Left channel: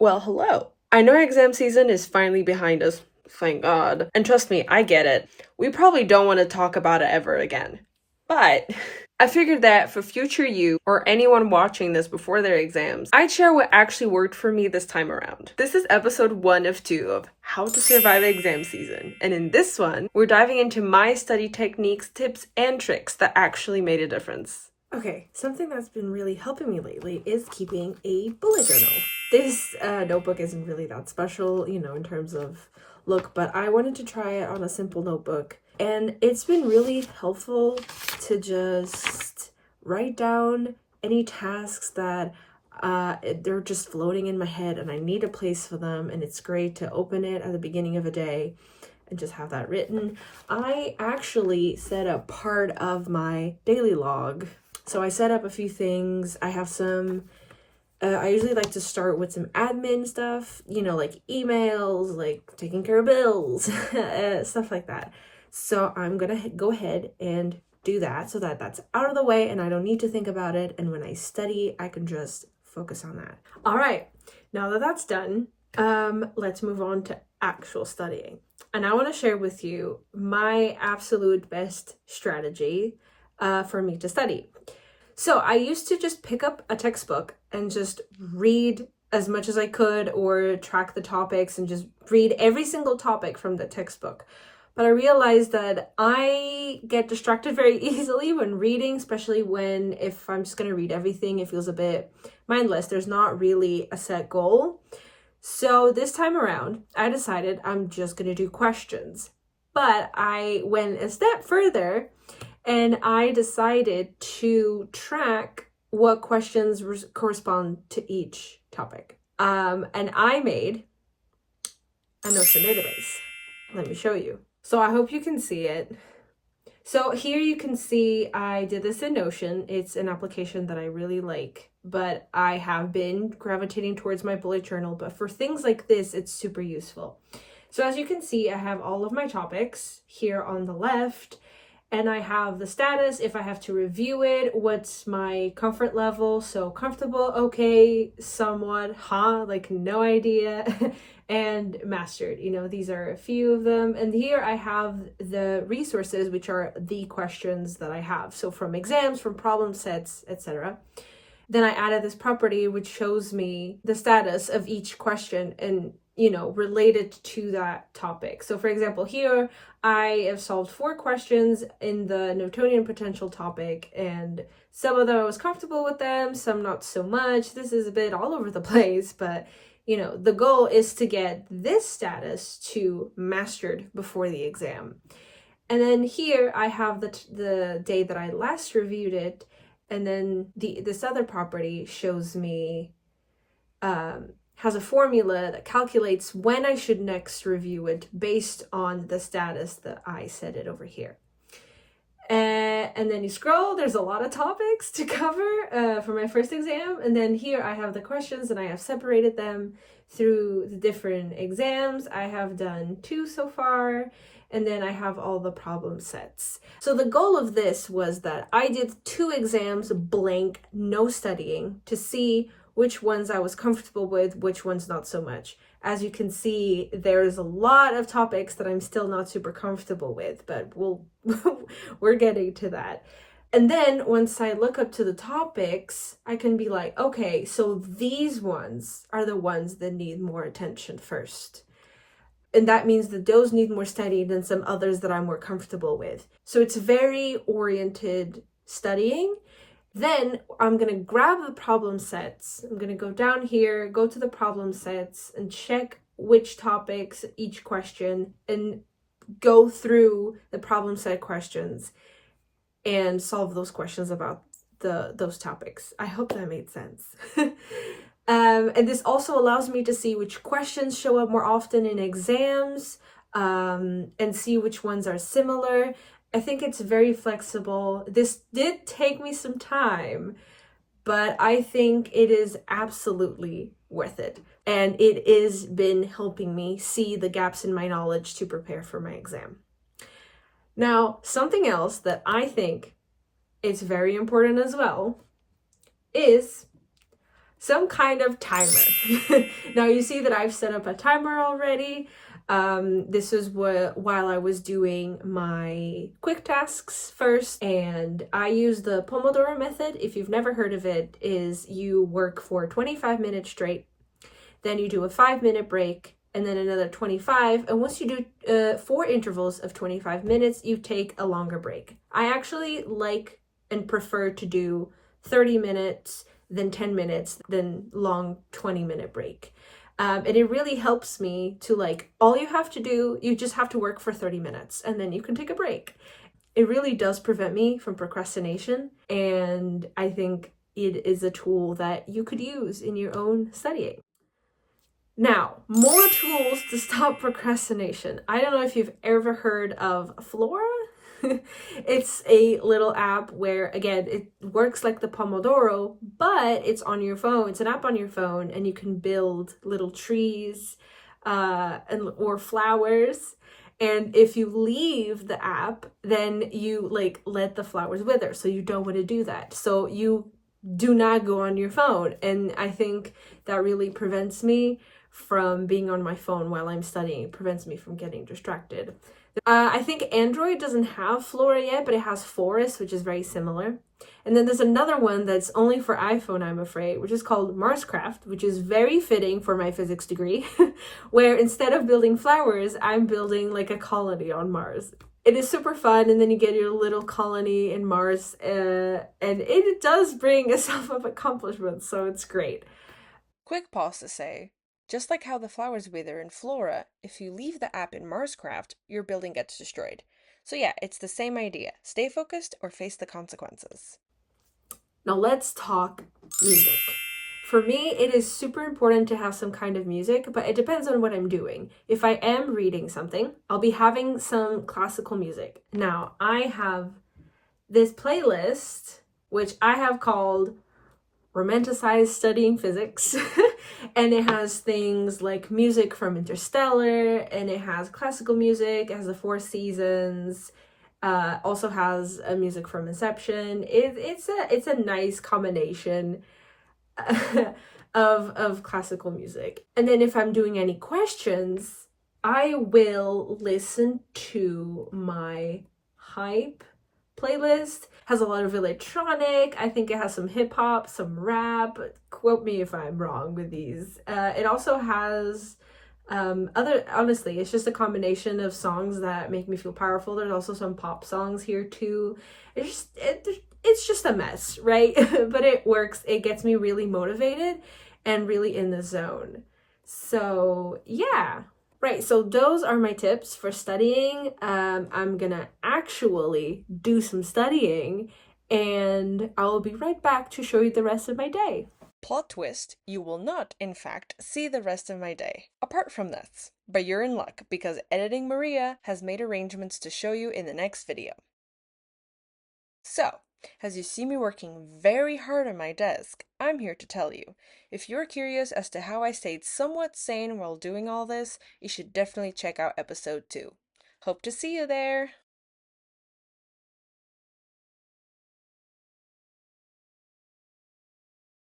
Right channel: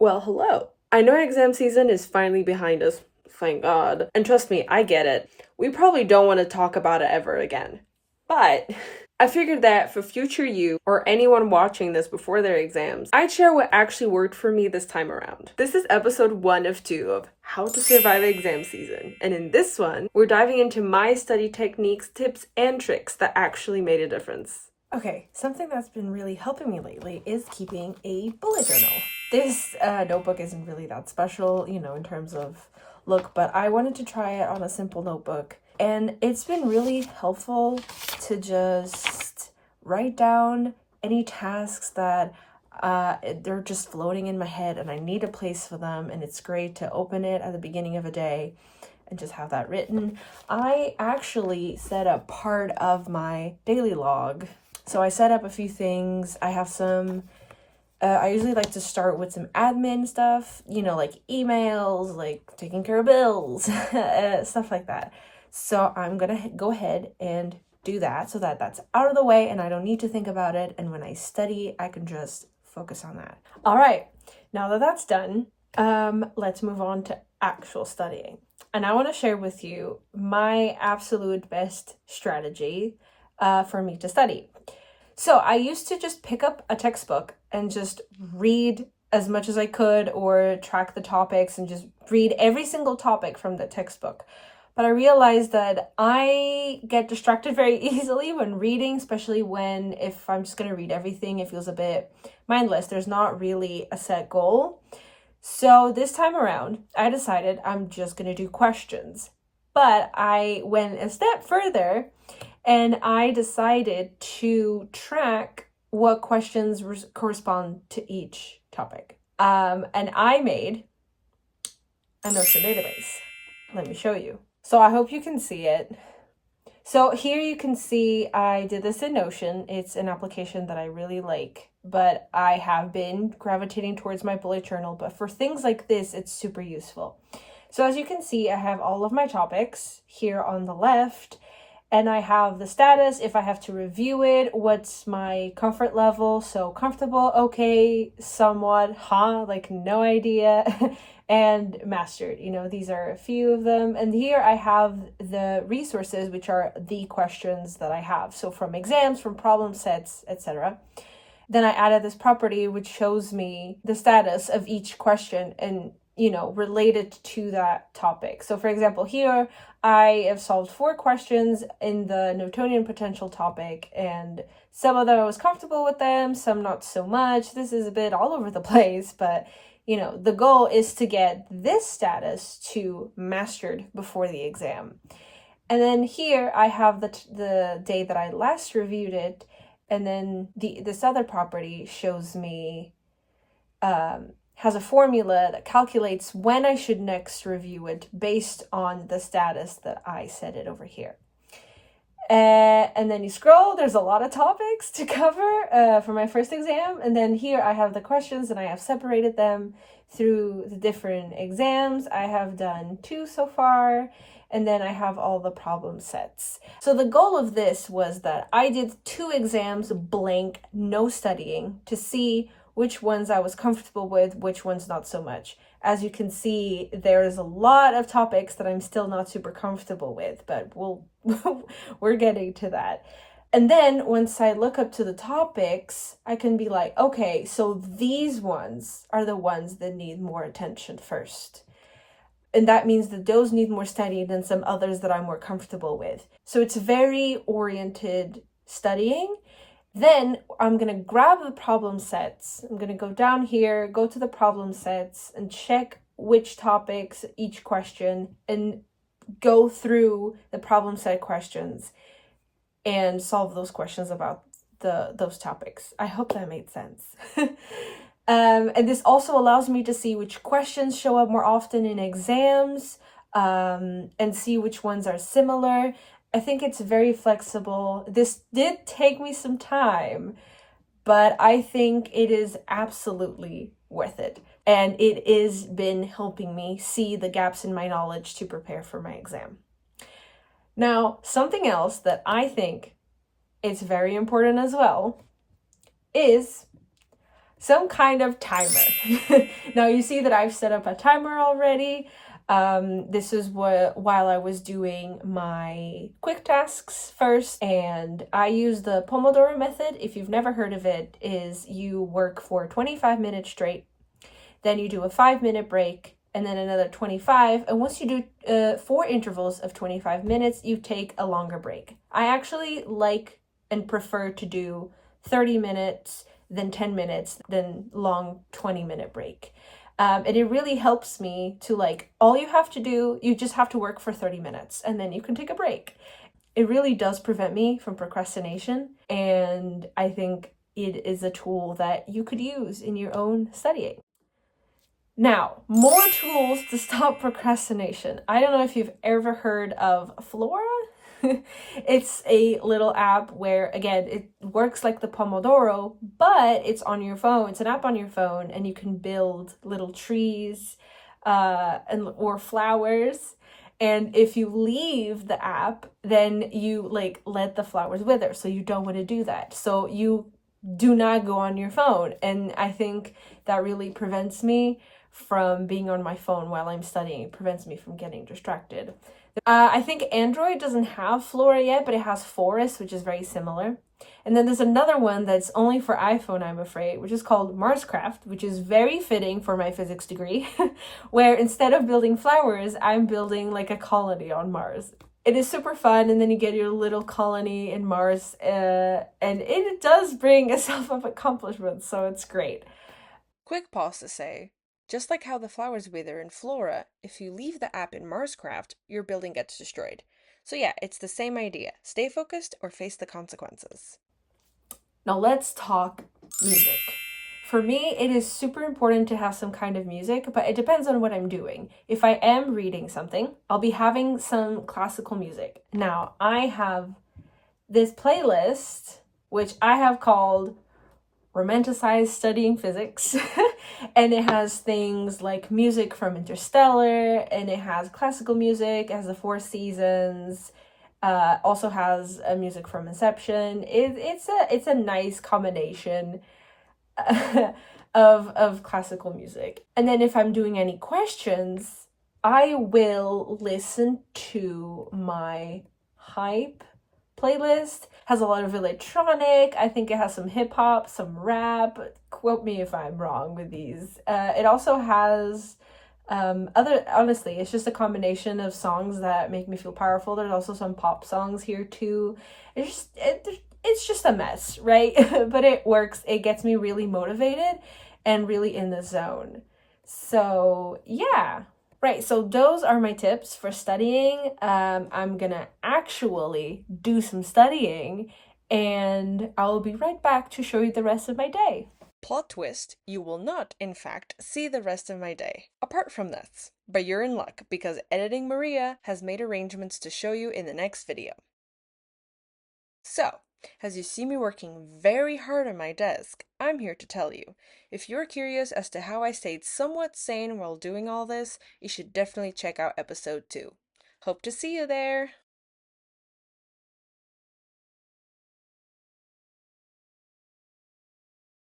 Well, hello. I know exam season is finally behind us, thank God. And trust me, I get it. We probably don't want to talk about it ever again. But I figured that for future you or anyone watching this before their exams, I'd share what actually worked for me this time around. This is episode 1 of 2 of How to Survive Exam Season. And in this one, we're diving into my study techniques, tips, and tricks that actually made a difference. Okay, something that's been really helping me lately is keeping a bullet journal. This notebook isn't really that special, in terms of look, but I wanted to try it on a simple notebook. And it's been really helpful to just write down any tasks that they're just floating in my head and I need a place for them. And it's great to open it at the beginning of a day and just have that written. I actually set up part of my daily log. So I set up a few things. I have some, I usually like to start with some admin stuff, like emails, like taking care of bills, stuff like that. So I'm going to go ahead and do that so that that's out of the way and I don't need to think about it. And when I study, I can just focus on that. All right, now that that's done, let's move on to actual studying. And I want to share with you my absolute best strategy for me to study. So I used to just pick up a textbook and just read as much as I could or track the topics and just read every single topic from the textbook. But I realized that I get distracted very easily when reading, especially if I'm just going to read everything, it feels a bit mindless. There's not really a set goal. So this time around, I decided I'm just going to do questions. But I went a step further and I decided to track what questions correspond to each topic. And I made a Notion database. Let me show you. So I hope you can see it. So here you can see I did this in Notion. It's an application that I really like, but I have been gravitating towards my bullet journal. But for things like this, it's super useful. So as you can see, I have all of my topics here on the left. And I have the status, if I have to review it, what's my comfort level. So comfortable, okay, somewhat, like no idea, and mastered. These are a few of them. And here I have the resources, which are the questions that I have. So from exams, from problem sets, etc. Then I added this property, which shows me the status of each question and related to that topic. So for example, here I have solved 4 questions in the Newtonian potential topic, and some of them I was comfortable with them, some not so much. This is a bit all over the place, but the goal is to get this status to mastered before the exam. And then here I have the day that I last reviewed it, and then this other property shows me has a formula that calculates when I should next review it based on the status that I set it over here. And then you scroll, there's a lot of topics to cover for my first exam. And then here I have the questions and I have separated them through the different exams. I have done 2 so far. And then I have all the problem sets. So the goal of this was that I did 2 exams blank, no studying, to see which ones I was comfortable with, which ones not so much. As you can see, there's a lot of topics that I'm still not super comfortable with, but we're getting to that. And then once I look up to the topics, I can be like, okay, so these ones are the ones that need more attention first. And that means that those need more study than some others that I'm more comfortable with. So it's very oriented studying. Then I'm going to grab the problem sets. I'm going to go down here, go to the problem sets and check which topics, each question, and go through the problem set questions and solve those questions about those topics. I hope that made sense. And this also allows me to see which questions show up more often in exams, and see which ones are similar. I think it's very flexible. This did take me some time, but I think it is absolutely worth it. And it has been helping me see the gaps in my knowledge to prepare for my exam. Now, something else that I think is very important as well is some kind of timer. Now you see that I've set up a timer already. This is while I was doing my quick tasks first, and I use the Pomodoro method. If you've never heard of it, is you work for 25 minutes straight, then you do a 5-minute break, and then another 25. And once you do 4 intervals of 25 minutes, you take a longer break. I actually like and prefer to do 30 minutes, then 10 minutes, then long 20-minute break. And it really helps me to like, all you have to do, you just have to work for 30 minutes and then you can take a break. It really does prevent me from procrastination. And I think it is a tool that you could use in your own studying. Now, more tools to stop procrastination. I don't know if you've ever heard of Flora. It's a little app where, again, it works like the Pomodoro, but it's on your phone. It's an app on your phone, and you can build little trees or flowers. And if you leave the app, then you like let the flowers wither. So you don't want to do that. So you do not go on your phone. And I think that really prevents me from being on my phone while I'm studying. It prevents me from getting distracted. I think Android doesn't have Flora yet, but it has Forest, which is very similar. And then there's another one that's only for iPhone, I'm afraid, which is called Marscraft, which is very fitting for my physics degree, where instead of building flowers, I'm building like a colony on Mars. It is super fun, and then you get your little colony in Mars, and it does bring a self of accomplishment, so it's great. Quick pause to say, just like how the flowers wither in Flora, if you leave the app in Marscraft, your building gets destroyed. So yeah, it's the same idea. Stay focused or face the consequences. Now let's talk music. For me, it is super important to have some kind of music, but it depends on what I'm doing. If I am reading something, I'll be having some classical music. Now, I have this playlist, which I have called Romanticized Studying Physics. And it has things like music from Interstellar, and it has classical music, it has the Four Seasons, also has music from Inception. It's a nice combination of classical music. And then if I'm doing any questions, I will listen to my hype playlist. Has a lot of electronic. I think it has some hip hop, some rap. Quote me if I'm wrong with these. It also has honestly, it's just a combination of songs that make me feel powerful. There's also some pop songs here too. It's just a mess, right? But it works. It gets me really motivated and really in the zone. So yeah. Right, so those are my tips for studying. I'm gonna actually do some studying, and I will be right back to show you the rest of my day. Plot twist, you will not, in fact, see the rest of my day. Apart from this. But you're in luck, because Editing Maria has made arrangements to show you in the next video. So, as you see me working very hard on my desk, I'm here to tell you. If you're curious as to how I stayed somewhat sane while doing all this, you should definitely check out episode 2. Hope to see you there!